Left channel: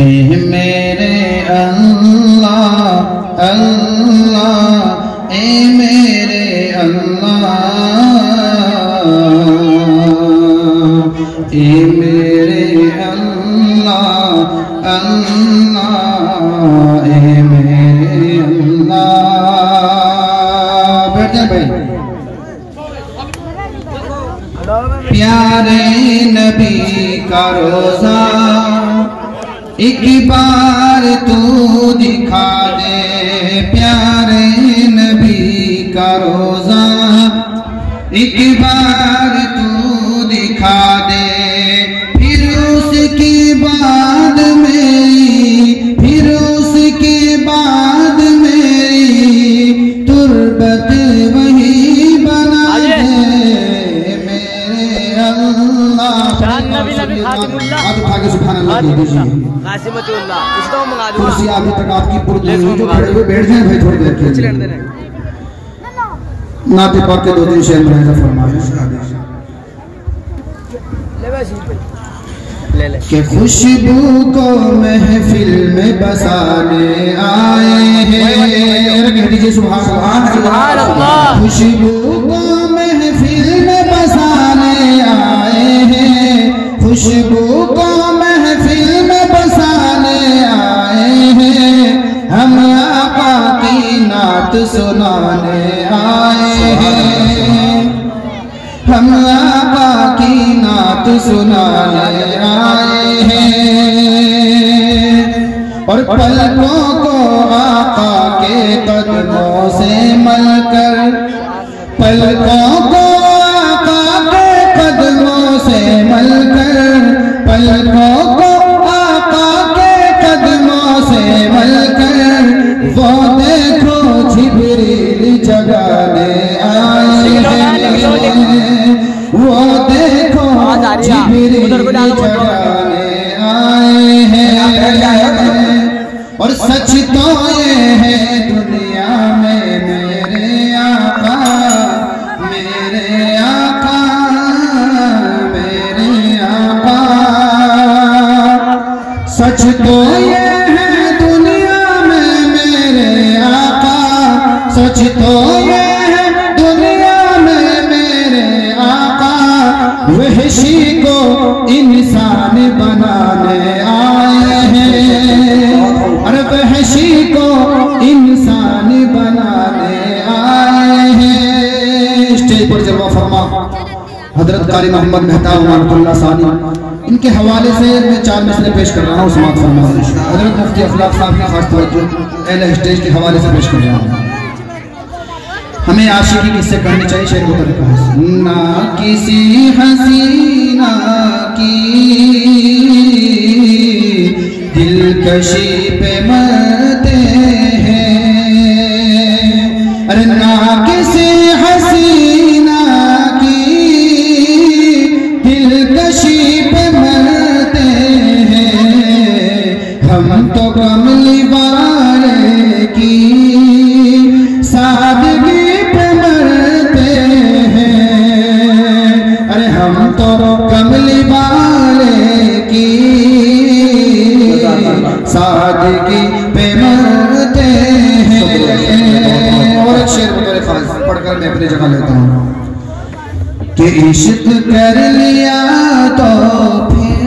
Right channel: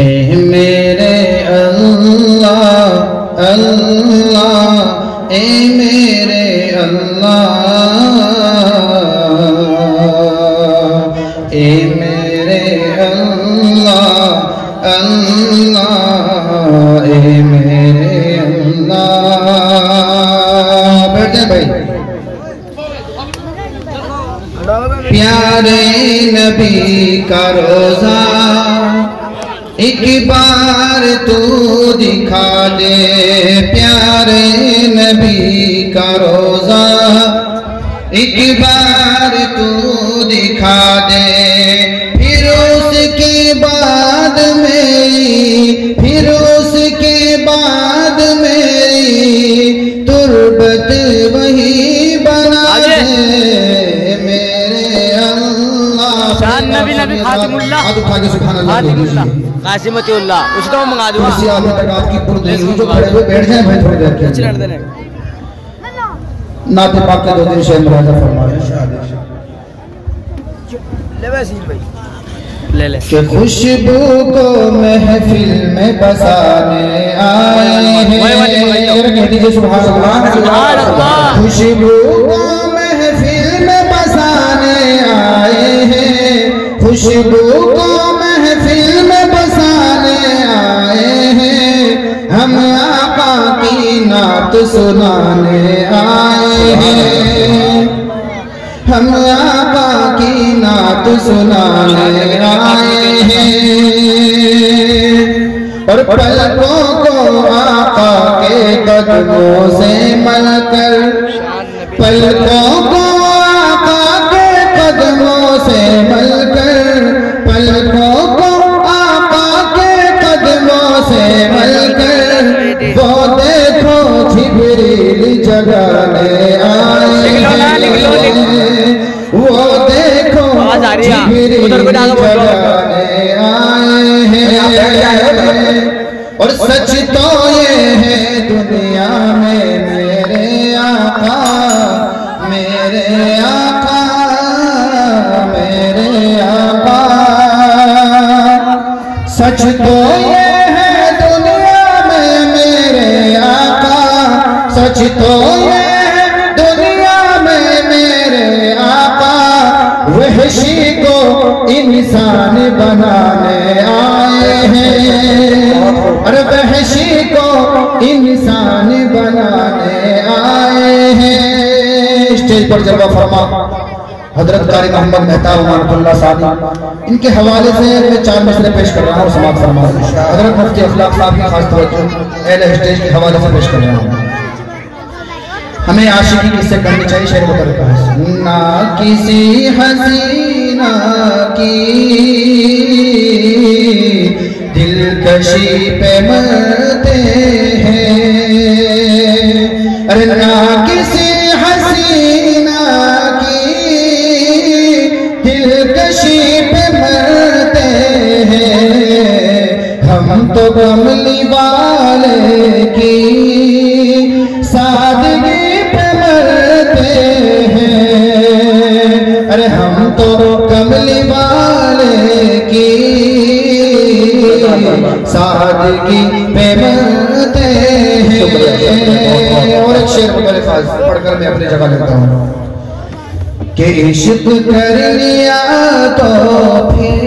ए मेरे अल्लाह अल्लाह ए मेरे अल्लाह ए मेरे अल्लाह अल्लाह ए मेरे अल्लाह। बैठ जाए भाई। प्यारे नबी का रोज़ा एक बार तू दिखा दे, प्यारे नबी का रोज़ा एक बार तू दिखा दे। फिर उसके बाद मेरी तुरबत वही बना दे मेरे अल्लाह। नबी नबी खातिमुल्लाह कासिमतुल्लाह उसको मंगा दूंगा। बैठ जाए भाई थोड़ी देर के लिए। नाते पाक के 2 दिन शेर मुराजा फरमाए। ले ले कि खुशबू को महफिल में बसाने आए हैं। सुभान अल्लाह। खुशबू को महफिल में बसाने आए हैं, खुशबू को महफिल में बसाने आए हैं। हम आका की नात सुनाने आए हैं, हम आका की नात सुनाने आए हैं। और पलकों को आका के कदमों से मलकर, पलकों को आका के कदमों से मलकर, पलकों को आका के कदमों से मलकर, वो देखो जिब्रील जगाने आए हैं, वो देखो जिब्रील जगाने आए हैं। और सच तो ये है दुनिया में मेरे आका, मेरे आका, मेरे आका। सच तो ये है दुनिया में मेरे आका, सच तो ये है दुनिया में मेरे आका। वहशी को इंसान बनाने आए हैं, और वहशी को इंसान बनाने आए हैं। स्टेज पर जलवा फरमा हजरत कारी मोहम्मद मेहताब रहमतुल्लाह साहब, इनके हवाले से मैं 4 मसले पेश कर रहा हूँ। समाप्त फरमा हजरत मुफ्ती अखलाक साहब की खास तवज्जो अहले स्टेज के हवाले से पेश कर रहा हूँ। हमें आशिकी किससे करनी चाहिए? शेर को तरीका है ना किसी हसीना की दिलकशी पे मरते हैं, अरे ना किसी हसीना की दिलकशी पे मरते हैं। हम तो कमली वाले की सादगी पे मरते हैं, अरे हम तो कमली वाले की सादगी पे मरते हैं। और एक शेर मेरे पास पढ़कर मैं अपनी जगह लेता हूँ कि इश्क कर लिया तो फिर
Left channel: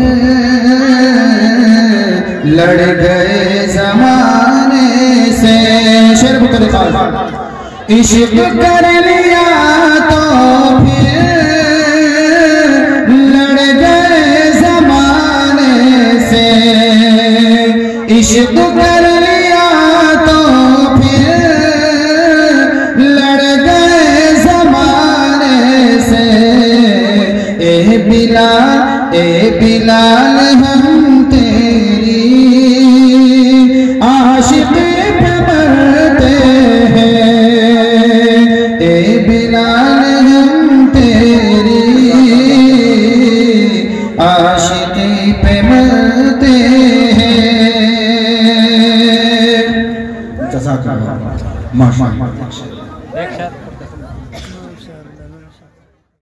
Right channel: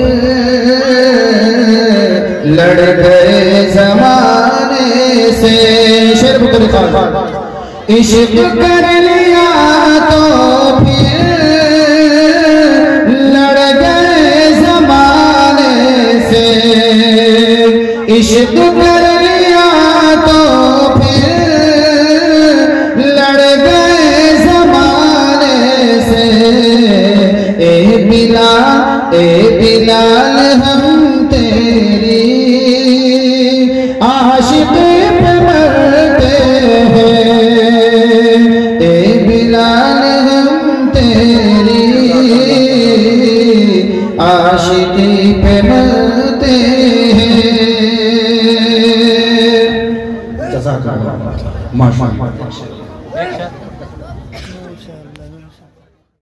लड़ गए जमाने से। शेर मेरे पास इश्क कर लिया तो फिर लड़ गए जमाने से, इश्क कर लिया तो फिर लड़ गए जमाने से। ए बिलाल हम